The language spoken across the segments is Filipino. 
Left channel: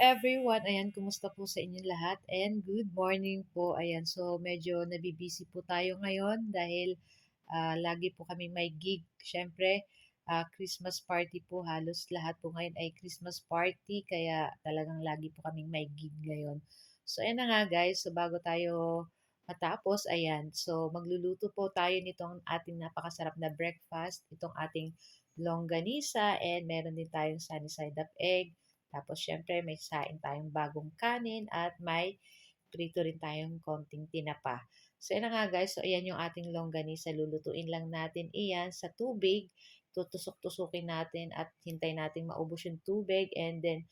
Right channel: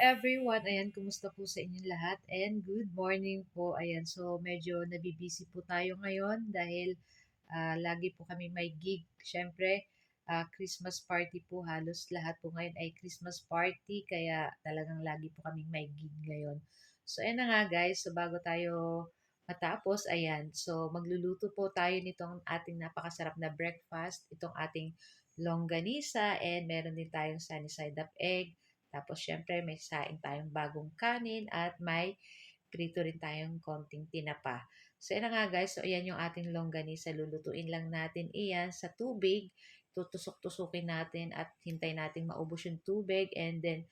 everyone, ayan, kumusta po sa inyong lahat? And good morning po, ayan. So, medyo nabibisi po tayo ngayon dahil lagi po kami may gig. Siyempre, Christmas party po, halos lahat po ngayon ay Christmas party, kaya talagang lagi po kaming may gig ngayon. So, ayan na nga guys, so bago tayo matapos, ayan, so magluluto po tayo nitong ating napakasarap na breakfast, itong ating longganisa, and meron din tayong sunny side up egg. Tapos, syempre, may saing tayong bagong kanin at may prito rin tayong konting tinapa. So, yan na nga guys. So, ayan yung ating longganisa. Lulutuin lang natin iyan sa tubig. Tutusok-tusukin natin at hintay natin maubos yung tubig. And then,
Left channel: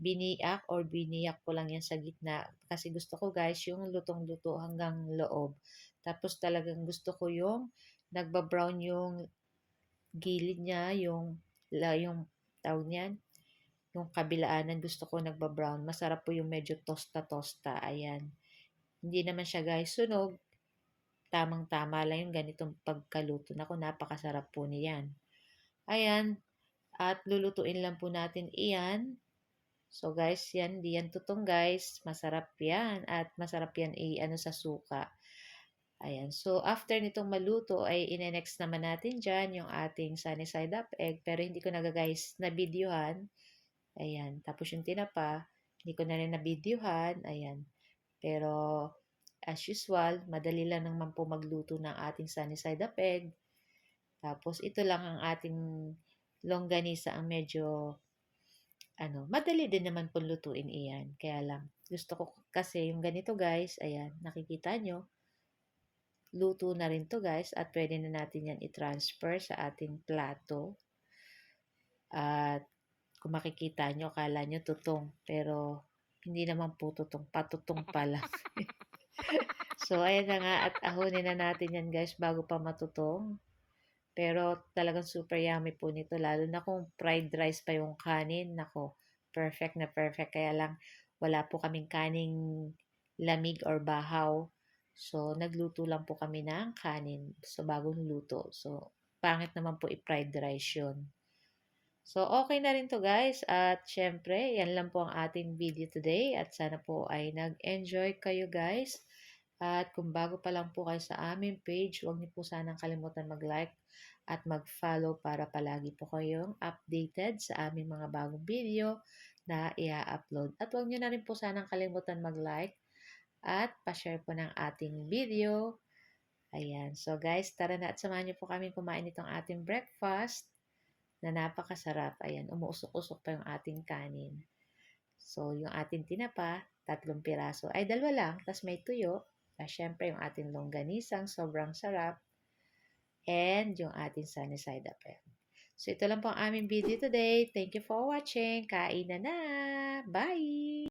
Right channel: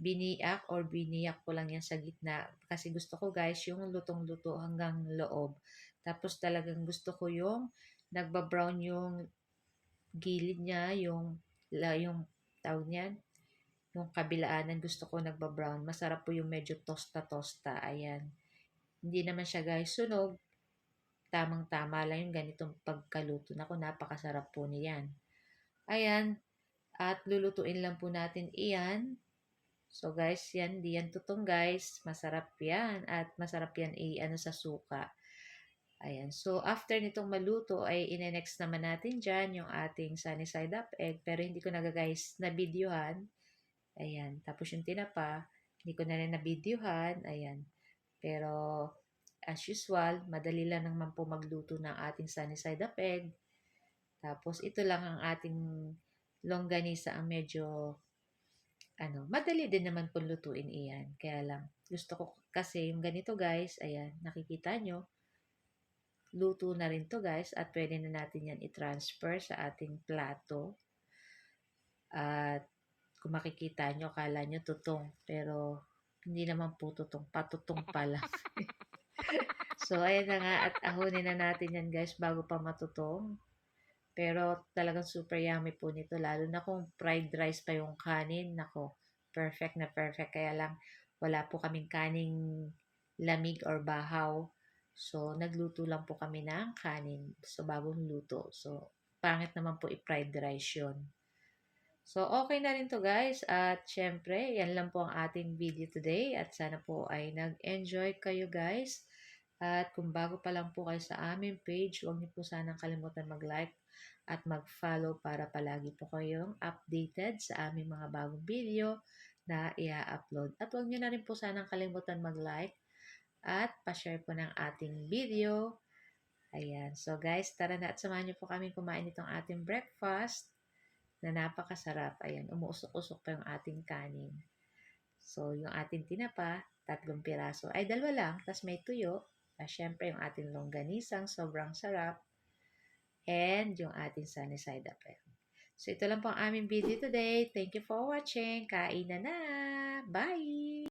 biniak or biniyak ko lang yan sa gitna. Kasi gusto ko guys, yung lutong-luto hanggang loob. Tapos, talagang gusto ko yung nagbabrown yung gilid niya, yung tawag niyan, yung kabilaanan gusto ko nagbabrown. Masarap po yung medyo tosta-tosta. Ayan. Hindi naman siya guys sunog. Tamang-tama lang yung ganitong pagkaluto. Naku, napakasarap po niyan. Ayan. At lulutuin lang po natin iyan. So guys, yan. Di yan tutong guys. Masarap yan. At masarap yan i-ano sa suka. Ayan. So, after nitong maluto, ay ine-next naman natin dyan yung ating sunny side up egg. Pero hindi ko na guys na videohan. Ayan. Tapos yung tinapa, hindi ko na rin na-videohan. Ayan. Pero, as usual, madali lang naman po magluto ng ating sunny side up egg. Tapos, ito lang ang ating longganisa ang medyo, madali din naman po lutuin iyan. Kaya lang, gusto ko kasi yung ganito guys, ayan, nakikita nyo, luto na rin to guys at pwede na natin yan i-transfer sa ating plato. At kung makikita nyo, kala nyo tutong. Pero, hindi naman po tutong. Patutong pala. So, ayan na nga. At ahonin na natin yan guys bago pa matutong. Pero, talagang super yummy po nito. Lalo na kung fried rice pa yung kanin. Nako, perfect na perfect. Kaya lang, wala po kaming kaning lamig or bahaw. So, nagluto lang po kami ng kanin. So, bagong luto. So, pangit naman po i-fried rice yun. So, okay na rin to guys. At syempre, yan lang po ang ating video today. At sana po ay nag-enjoy kayo guys. At kung bago pa lang po kayo sa aming page, huwag niyo po sanang kalimutan mag-like at mag-follow para palagi po kayong updated sa aming mga bagong video na i-upload. At huwag niyo na rin po sanang kalimutan mag-like at pa-share po ng ating video. Ayan. So guys, tara na at samahan niyo po kami kumain itong ating breakfast na napakasarap. Ayan, umuusok-usok pa yung ating kanin. So, yung ating tinapa, 3 piraso. Ay, 2 lang. Tapos may tuyo. Syempre, yung ating longganisang sobrang sarap. And yung ating sunny side up. So, ito lang po ang aming video today. Thank you for watching. Kain na na! Bye!